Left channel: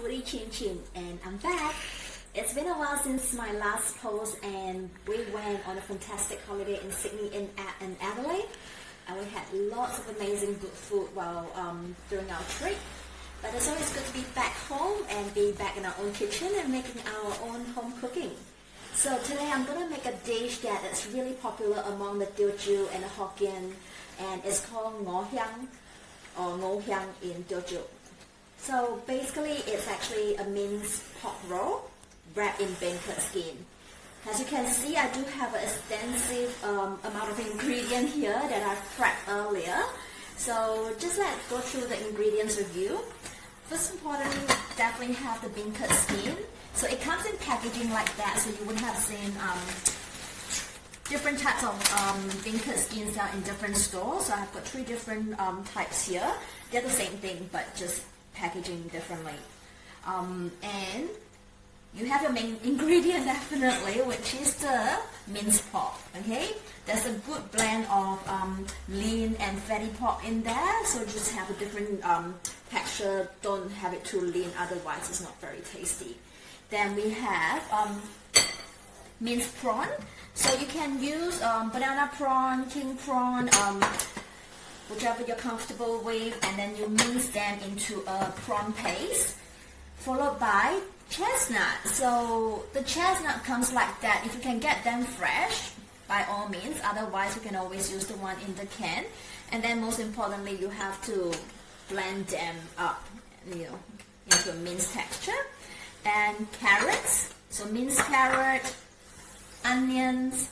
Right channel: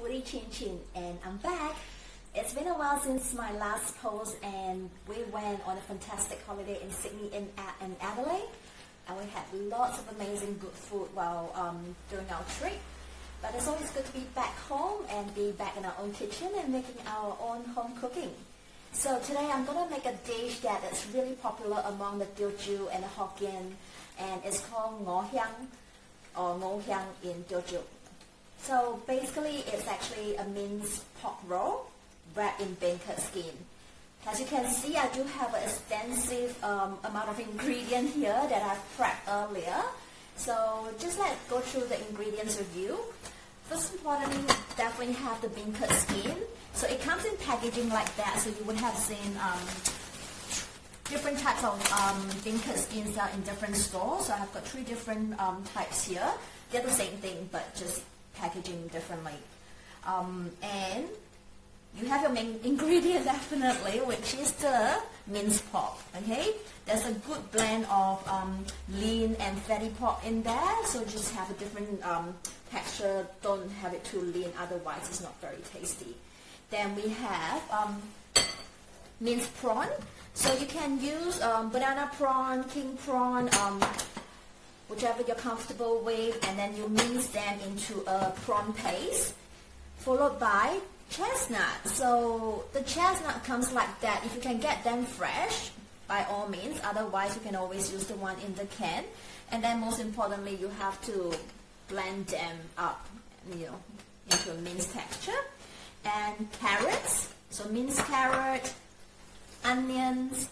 Foodie Chin Chin, and I'm back. It's been a while since my last post, and we went on a fantastic holiday in Sydney and Adelaide, and we had lots of amazing good food while during our trip. But it's always good to be back home and be back in our own kitchen and making our own home cooking. So today I'm gonna make a dish that is really popular among the Teochew and the Hokkien, and it's called Ngor Hiang or Ngor Hiang in Teochew. So basically it's actually a minced pork roll wrapped in beancurd skin. As you can see, I do have an extensive amount of ingredient here that I've prepped earlier. So just let's go through the ingredients review. First importantly, definitely have the beancurd skin. So it comes in packaging like that, so you would have seen different types of beancurd skins in different stores. So I've got 3 different types here. They're the same thing, but just packaging differently. And you have your main ingredient definitely, which is the minced pork. Okay, there's a good blend of lean and fatty pork in there, so just have a different texture. Don't have it too lean, otherwise it's not very tasty. Then we have minced prawn. So you can use banana prawn, king prawn, whichever you're comfortable with, and then you mince them into a prawn paste, followed by chestnut. So the chestnut comes like that. If you can get them fresh, by all means. Otherwise, you can always use the one in the can. And then most importantly, you have to blend them up, into a minced texture. And carrots. So minced carrot, onions.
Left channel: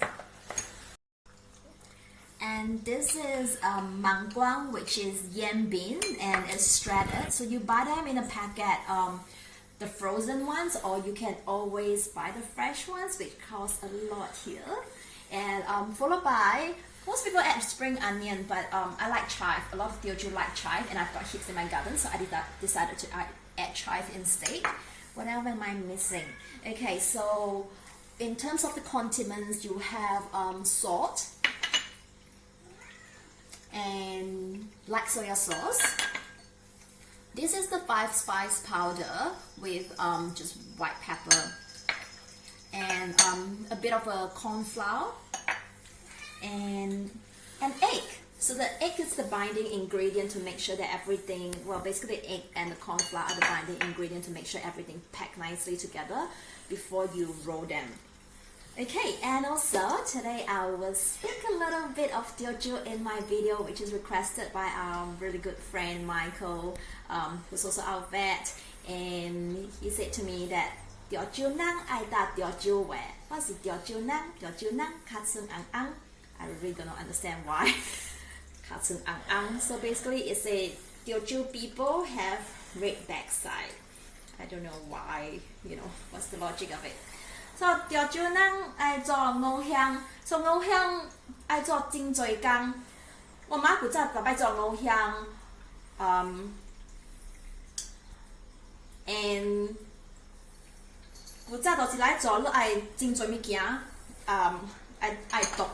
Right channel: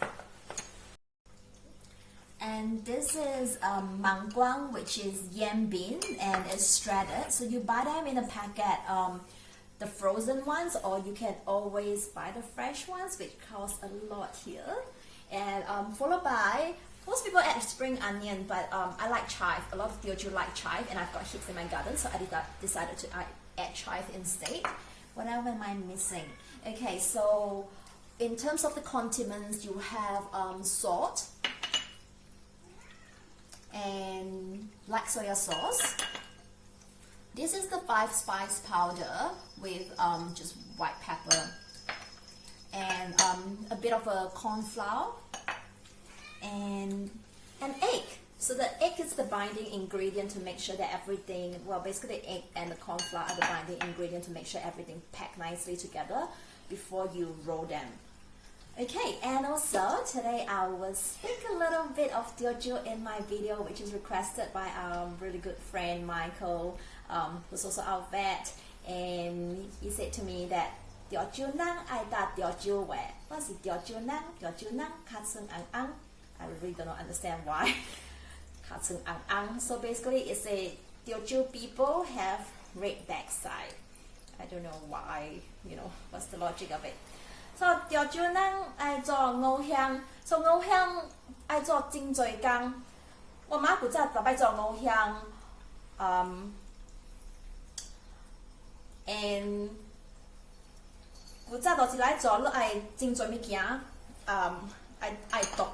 And this is Mung, which is yam bean, and it's shredded. So you buy them in a packet, the frozen ones, or you can always buy the fresh ones, which cost a lot here. And followed by, most people add spring onion, but I like chive. A lot of Teochew like chive, and I've got heaps in my garden, so I decided to add chive instead. What else am I missing? Okay, so in terms of the condiments, you have salt and black soya sauce. This is the 5-spice powder with just white pepper and a bit of a cornflour and an egg. So the egg is the binding ingredient to make sure that everything, well, basically the egg and the cornflour are the binding ingredient to make sure everything packed nicely together before you roll them. Okay, and also today I will speak a little bit of Teochew in my video, which is requested by our really good friend Michael, who's also our vet, and he said to me that Teochew nang ai ta Teochew we. What's Teochew nang? Teochew nang katsung ang ang. I really don't understand why. Katsung ang ang. So basically, it's a Teochew people have red backside. I don't know why. What's the logic of it? So Teochew nang ai做ngor hiang. So ngor hiang ai 做真多工。我媽古早特別做ngor hiang. And 古早就是來做，你愛真多物件，愛讀。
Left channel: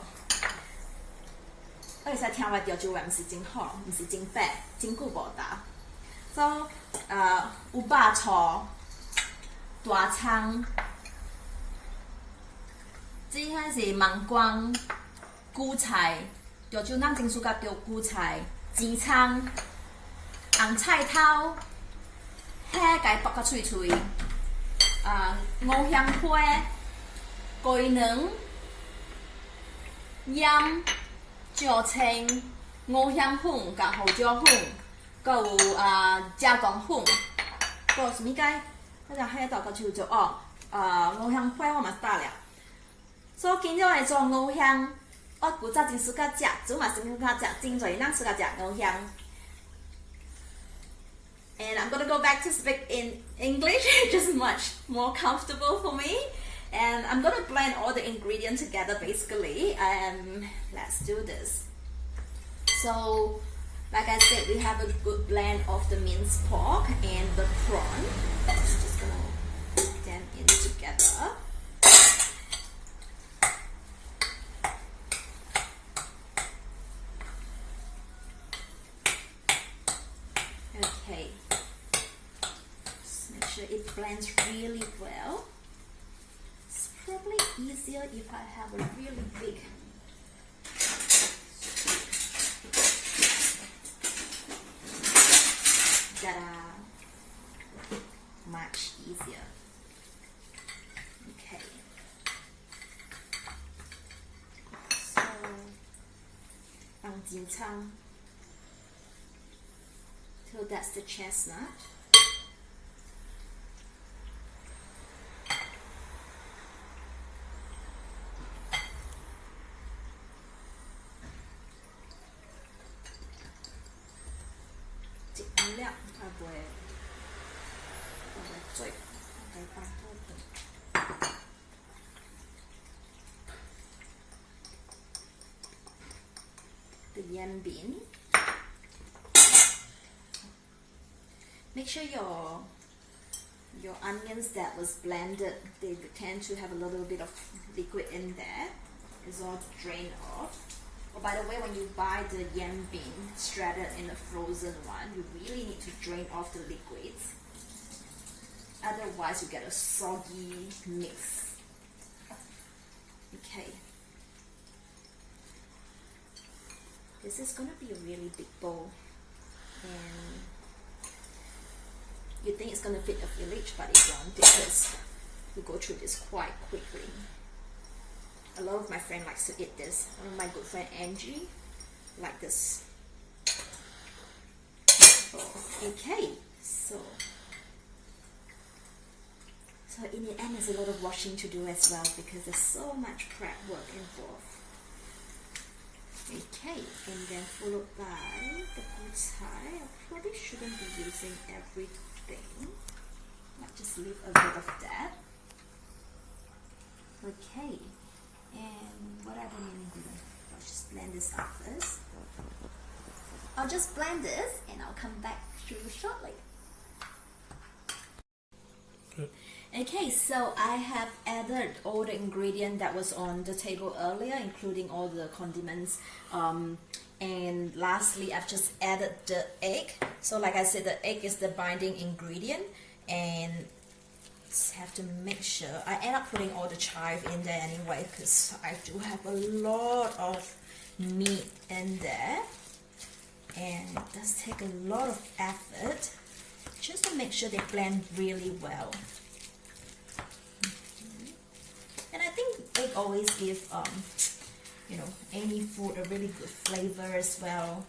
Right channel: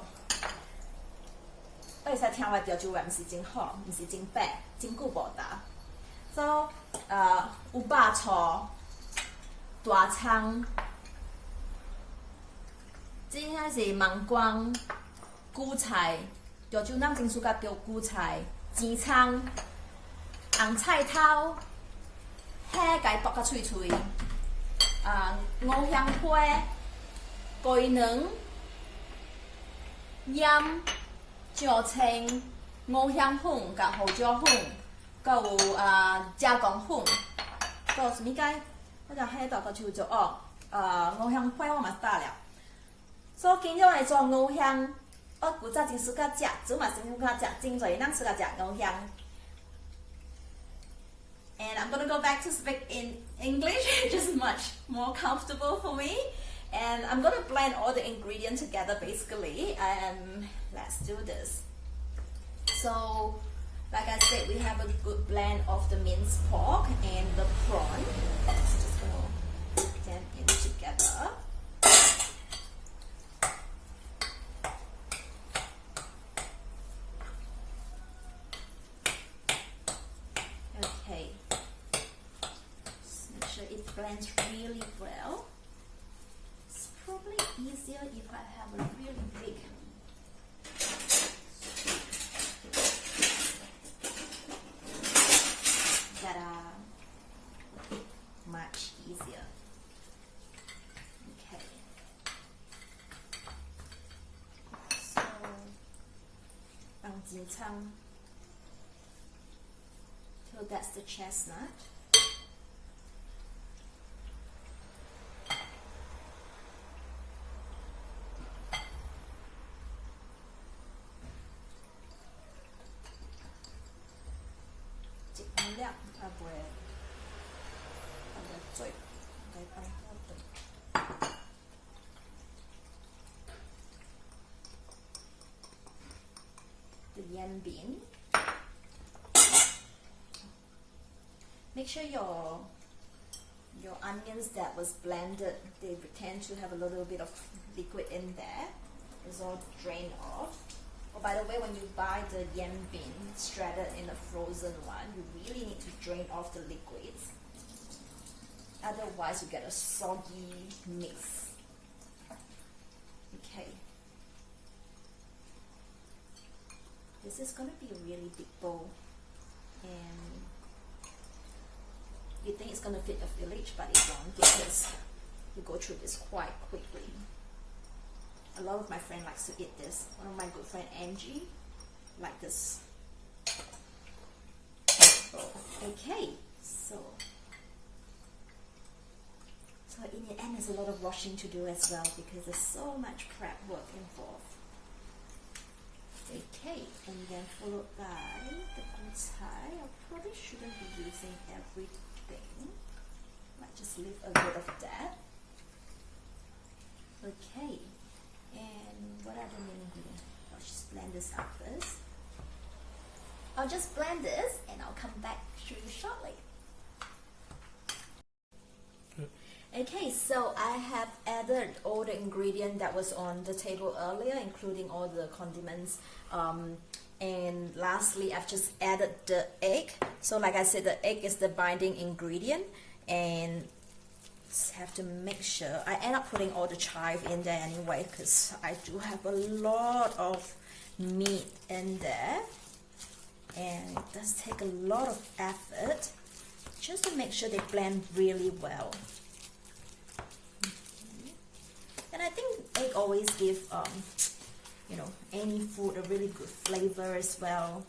我會使聽話Teochew話唔是真好，唔是真白，真久無打。So 有肉醋、大蔥。這個是芒光、韭菜，Teochew人真喜歡丟韭菜、芠蔥、紅菜頭，蝦該剝到脆脆，五香花、雞卵、鹽、椒青、五香粉甲胡椒粉，還有椒糖粉，還有什麼該？我就蝦到個脆脆哦，五香花我嘛打了。所以今日來做ngor hiang，我古早真喜歡食，煮嘛真喜歡食，真多人喜歡食ngor hiang。And I'm gonna go back to speak in English, just much more comfortable for me. And I'm gonna blend all the ingredients together basically. Let's do this. So, like I said, we have a good blend of the minced pork and the prawn. Just gonna put them in together. Okay. Just make sure sure it blends really well. It's probably easier if I have a really big that are much easier. Okay. So, so that's the chestnut. The yam bean. Make sure your onions that was blended, they tend to have a little bit of liquid in there. It's all drained off. Oh, by the way, when you buy the yam bean shredded in a frozen one, you really need to drain off the liquids. Otherwise, you get a soggy mix. Okay. This is going to be a really big bowl. And you think it's going to fit a village, but it won't because we go through this quite quickly. A lot of my friends likes to eat this. One of my good friend Angie like this. Okay, so in the end, there's a lot of washing to do as well because there's so much prep work involved. Okay, and then followed by the gucai. I probably shouldn't be using everything. Might just leave a bit of that. Okay, and what are the main ingredients? I'll just blend this up first. I'll just blend this and I'll come back to you shortly. Okay, so I have added all the ingredient that was on the table earlier, including all the condiments. And lastly, I've just added the egg. So like I said, the egg is the binding ingredient, and just have to make sure. I end up putting all the chive in there anyway because I do have a lot of meat in there, and it does take a lot of effort just to make sure they blend really well. And I think egg always give you know, any food a really good flavor as well.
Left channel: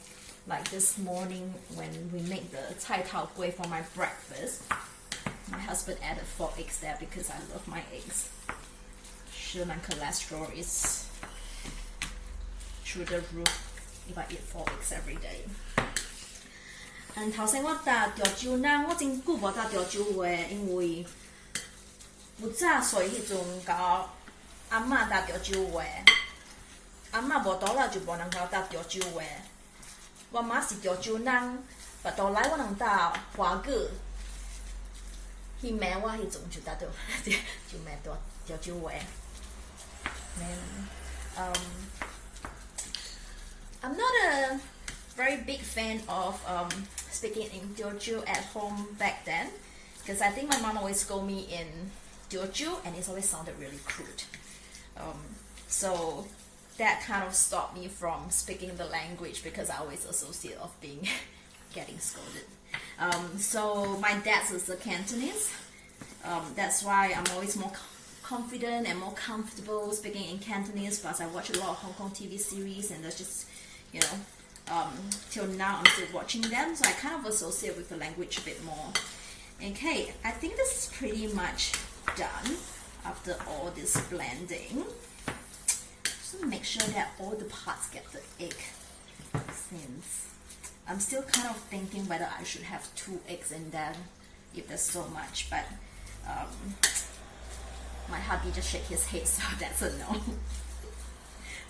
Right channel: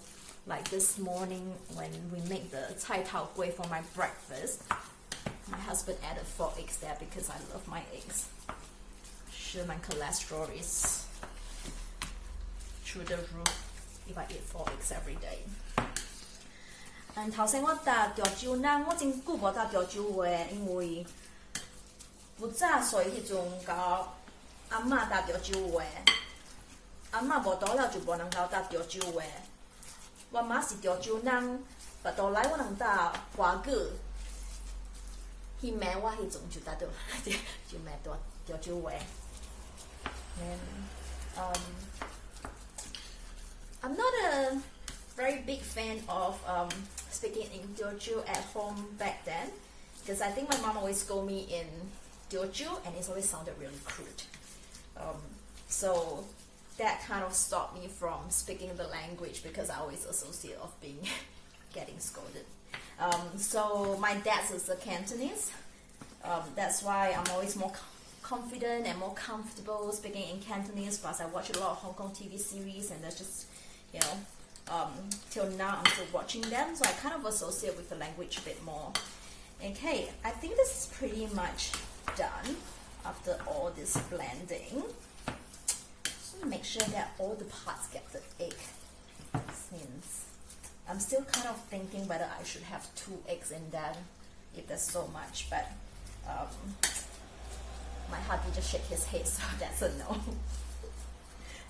Like this morning when we make the cai tao gui for my breakfast, my husband added 4 eggs there because I love my eggs. Sure, my cholesterol is through the roof if I eat 4 eggs every day. 頭先我打條蕉呢，我真久無打條蕉嘅，因為不早歲迄陣教阿嬷打條蕉嘅，阿嬷無倒了就無能夠打條蕉嘅。我媽是條蕉人，不倒來我能打花果。迄暝我迄陣就打到就買到條蕉嘅。I'm not a very big fan of speaking in Teochew at home back then, because I think my mom always scolded me in Teochew and it always sounded really crude. So that kind of stopped me from speaking the language because I always associate of being getting scolded. So my dad's is the Cantonese. That's why I'm always more confident and more comfortable speaking in Cantonese. Plus I watch a lot of Hong Kong TV series and that's just, you know, till now I'm still watching them, so I kind of associate with the language a bit more. Okay, I think this is pretty much done after all this blending. Just make sure that all the parts get the egg, since I'm still kind of thinking whether I should have 2 eggs in there if there's so much, but my hubby just shake his head, so that's a no.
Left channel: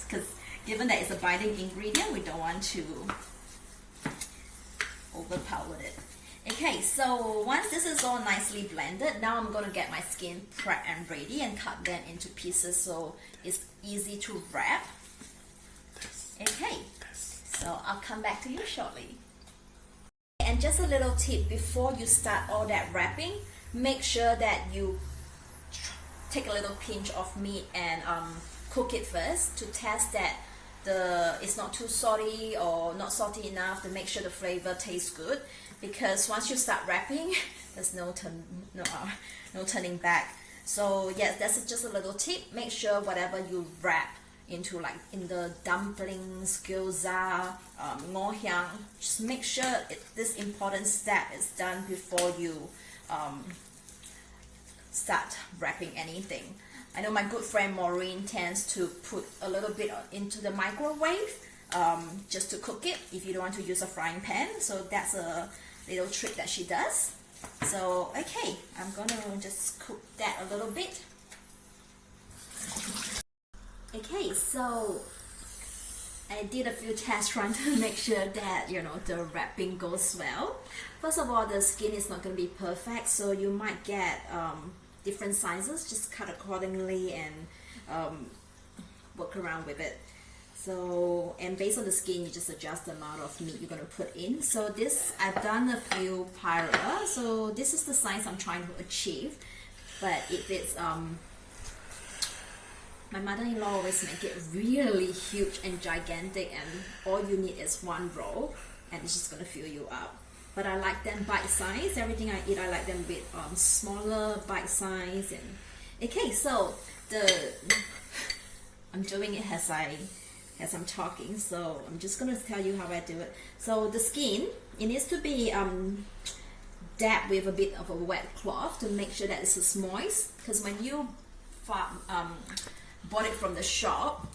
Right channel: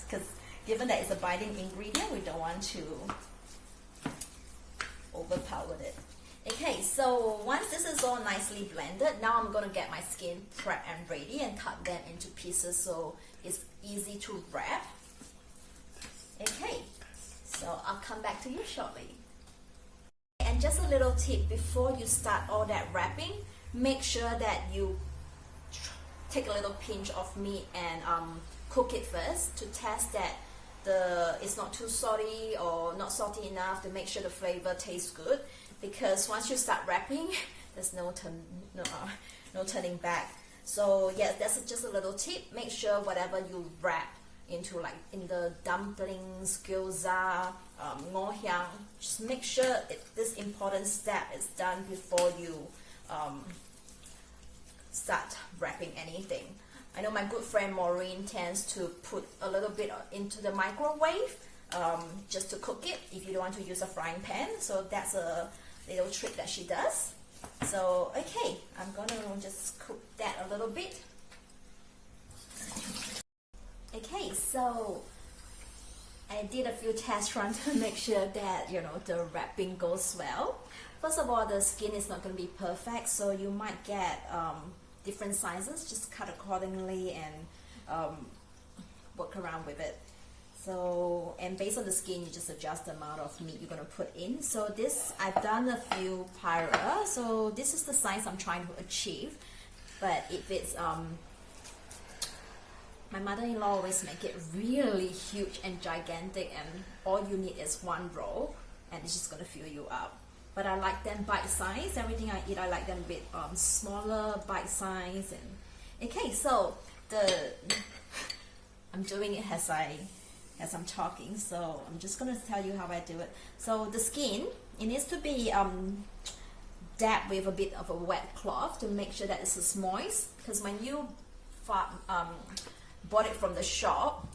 Because given that it's a binding ingredient, we don't want to overpower it. Okay, so once this is all nicely blended, now I'm going to get my skin prepped and ready and cut them into pieces so it's easy to wrap. Okay, so I'll come back to you shortly. And just a little tip before you start all that wrapping, make sure that you take a little pinch of meat and cook it first to test that it's not too salty or not salty enough, to make sure the flavor tastes good. Because once you start wrapping, there's no turning back. So yes, that's just a little tip. Make sure whatever you wrap into, like in the dumplings, gyoza, Ngor Hiang, just make sure this important step is done before you start wrapping anything. I know my good friend Maureen tends to put a little bit into the microwave just to cook it if you don't want to use a frying pan. So that's a little trick that she does. So okay, I'm gonna just cook that a little bit. Okay, so I did a few tests trying to make sure that, you know, the wrapping goes well. First of all, the skin is not going to be perfect, so you might get different sizes. Just cut accordingly and work around with it. So, and based on the skin, you just adjust the amount of meat you're going to put in. So this, I've done a few pyra, so this is the size I'm trying to achieve. But if it's my mother-in-law always make it really huge and gigantic, and all you need is one roll and it's just gonna fill you up. But I like them bite-sized. Everything I eat, I like them a bit smaller, bite-sized. And okay, so I'm doing it as I'm talking, so I'm just gonna tell you how I do it. So the skin, it needs to be dabbed with a bit of a wet cloth to make sure that it's moist, because when you bought it from the shop,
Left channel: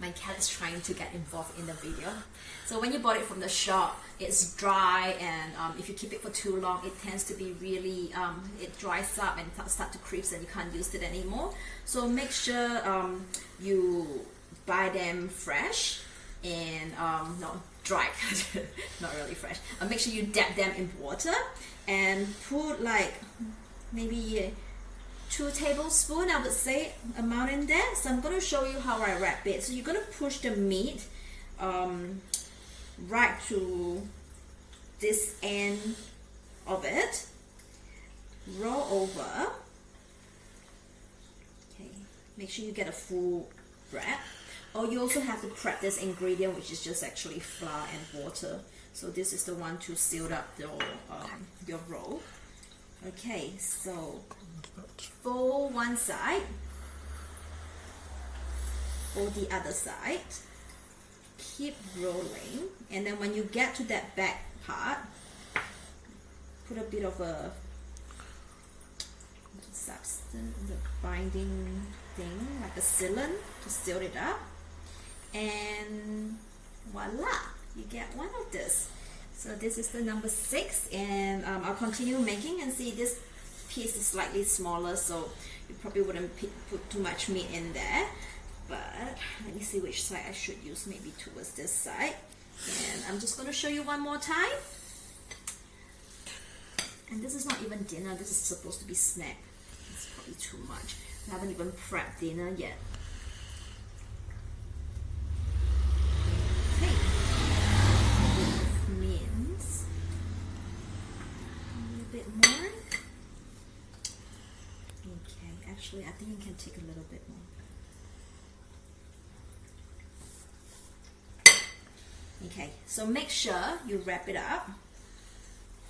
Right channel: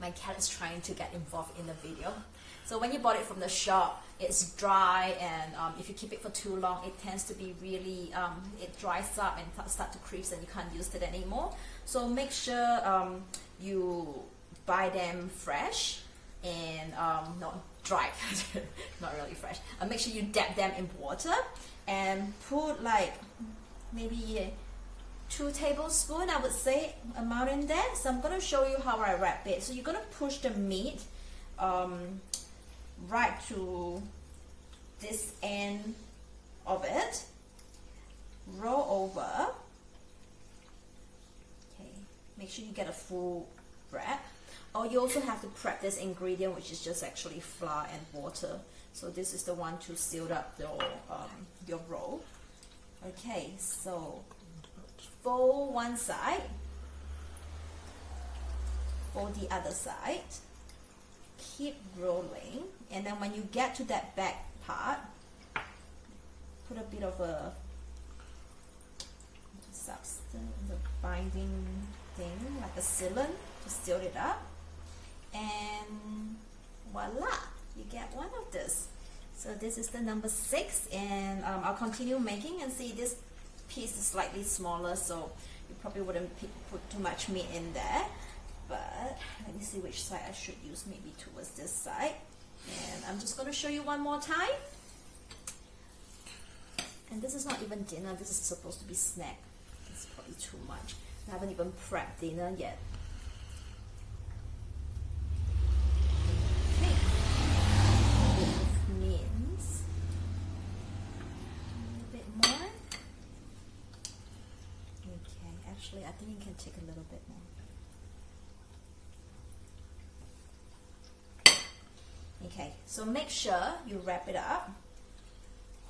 my cat is trying to get involved in the video. So when you bought it from the shop, it's dry, and if you keep it for too long, it tends to be really, it dries up and start to crease and you can't use it anymore. So make sure you buy them fresh and not dry, not really fresh. Make sure you dab them in water and put like maybe 2 tablespoons, I would say, amount in there. So I'm going to show you how I wrap it. So you're going to push the meat right to this end of it, roll over. Okay, make sure you get a full wrap. Or you also have to prep this ingredient, which is just actually flour and water. So this is the one to seal up your roll. Okay, so fold one side, fold the other side, keep rolling, and then when you get to that back part, put a bit of a substance, the binding thing, like a sealant to seal it up, and voila, you get one of this. So this is the number 6, and I'll continue making and see. This piece is slightly smaller, so you probably wouldn't put too much meat in there, but let me see which side I should use, maybe towards this side. And I'm just going to show you one more time. And this is not even dinner, this is supposed to be snack. It's probably too much. I haven't even prepped dinner yet. Okay, mince a little bit more. Okay, actually I think you can take a little bit more. Okay, so make sure you wrap it up,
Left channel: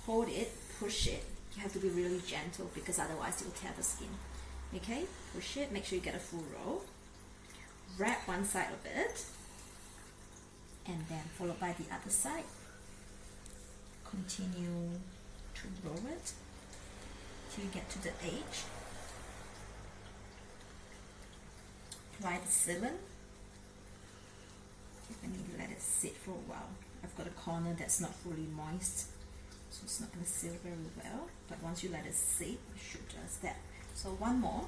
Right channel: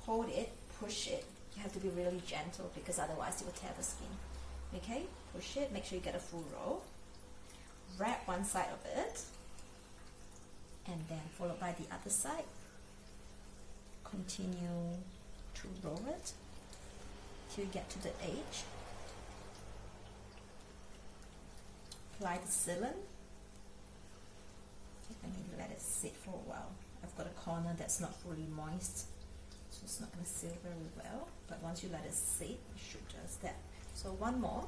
hold it, push it. You have to be really gentle because otherwise it will tear the skin. Okay, push it, make sure you get a full roll. Wrap one side of it, and then followed by the other side. Continue to roll it till you get to the edge. Apply the sealant. Let me let it sit for a while. I've got a corner that's not fully moist, so it's not going to seal very well, but once you let it sit, it should just that. So one more.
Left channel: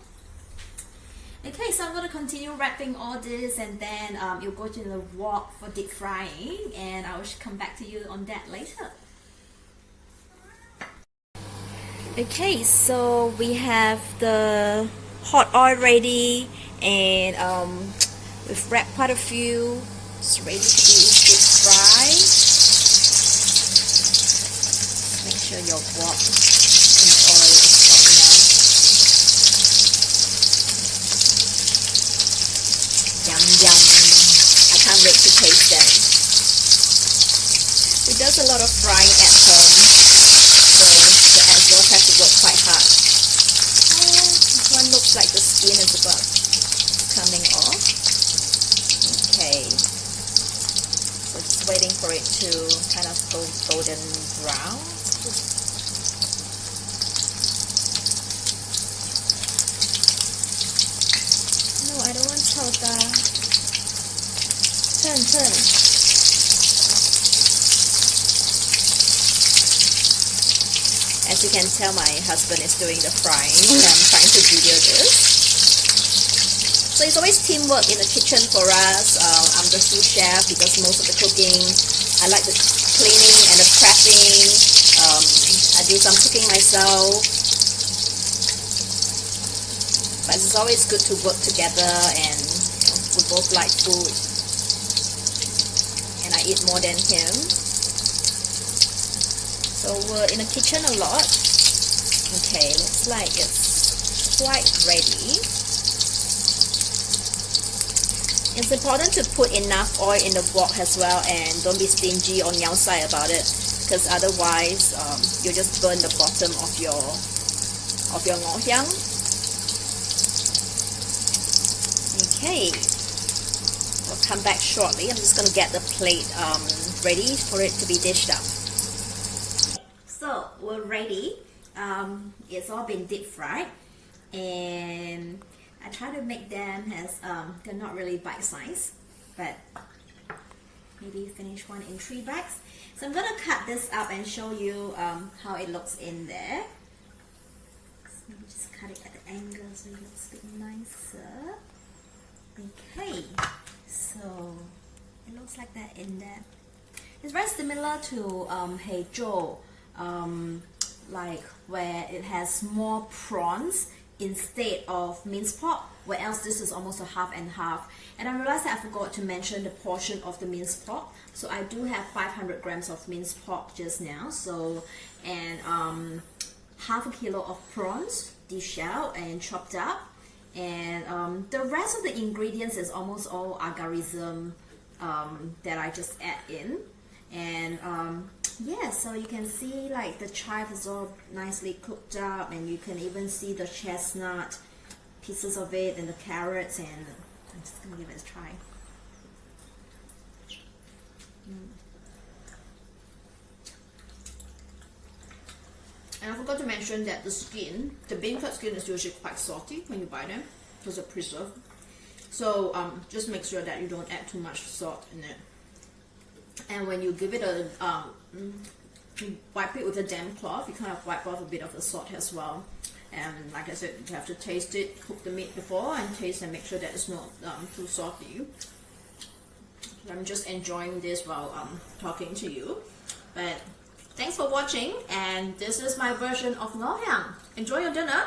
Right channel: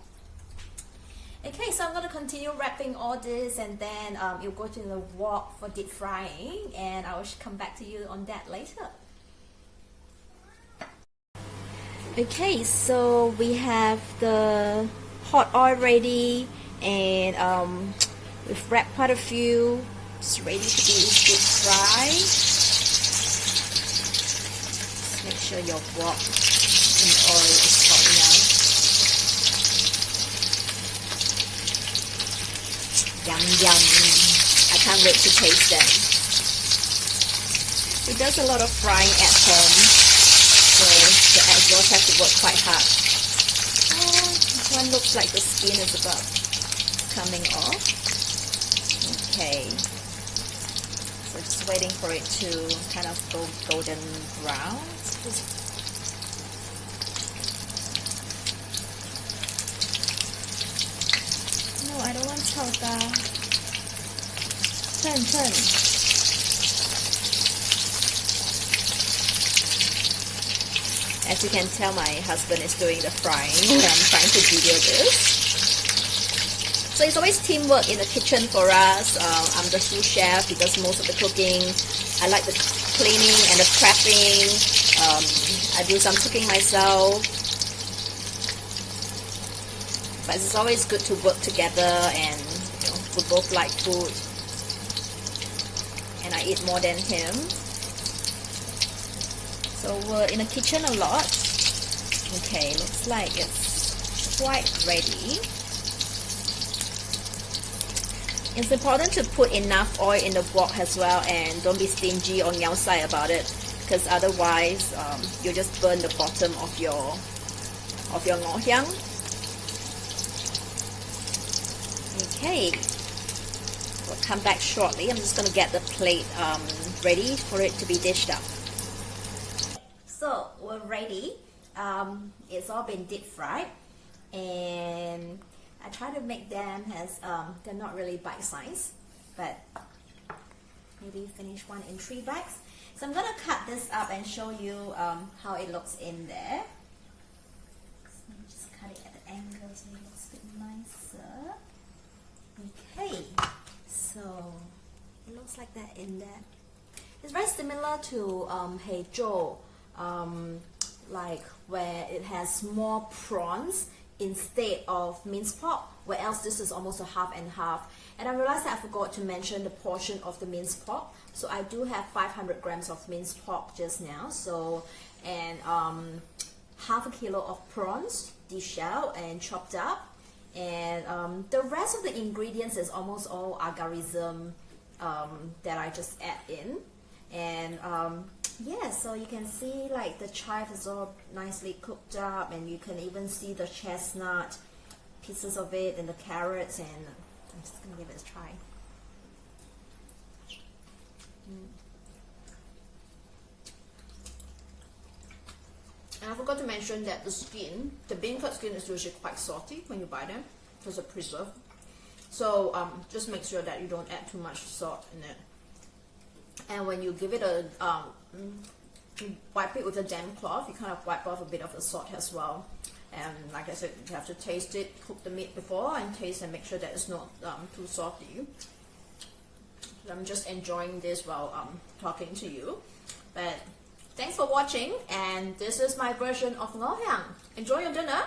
Okay, so I'm going to continue wrapping all this, and then you'll go to the wok for deep frying, and I will come back to you on that later. Okay, so we have the hot oil ready, and we've wrapped quite a few. It's ready to be deep fried. Make sure your wok in oil is Yum yum. I can't wait to taste them. He does a lot of frying at home, so the exhaust has to work quite hard. Oh, this one looks like the skin is about coming off. Okay. So just waiting for it to kind of go golden brown. No, I don't want chowda. Turn. As you can tell, my husband is doing the frying when I'm trying to video this. So it's always teamwork in the kitchen for us. I'm the sous chef, he does most of the cooking. I like the cleaning and the prepping. I do some cooking myself. But it's always good to work together, and we both like food. And I eat more than him. So we're in the kitchen a lot. Okay, looks like it's quite ready. It's important to put enough oil in the wok as well, and don't be stingy or nyao about it, because otherwise you just burn the bottom of your Ngor Hiang. Okay, we'll come back shortly. I'm just going to get the plate ready for it to be dished up. So we're ready. It's all been deep fried, and I try to make them as they're not really bite size, but maybe finish one in 3 bites. So I'm gonna cut this up and show you how it looks in there. So let me just cut it at the angle so it looks a bit nicer. Okay, so it looks like that in there. It's very similar to Hey Joe, like where it has more prawns instead of minced pork, where else this is almost a half and half. And I realized that I forgot to mention the portion of the minced pork. So I do have 500 grams of minced pork just now. So, and half a kilo of prawns, deshelled and chopped up. And the rest of the ingredients is almost all agarism that I just add in. And yeah, so you can see like the chives is all nicely cooked up, and you can even see the chestnut pieces of it and the carrots, and I'm just gonna give it a try. And I forgot to mention that the skin, the beancurd skin, is usually quite salty when you buy them because they're preserved. So just make sure that you don't add too much salt in it. And when you give it a you wipe it with a damp cloth, you kind of wipe off a bit of the salt as well. And like I said, you have to taste it, cook the meat before, and taste and make sure that it's not too salty. I'm just enjoying this while talking to you. But thanks for watching, and this is my version of Ngor Hiang. Enjoy your dinner.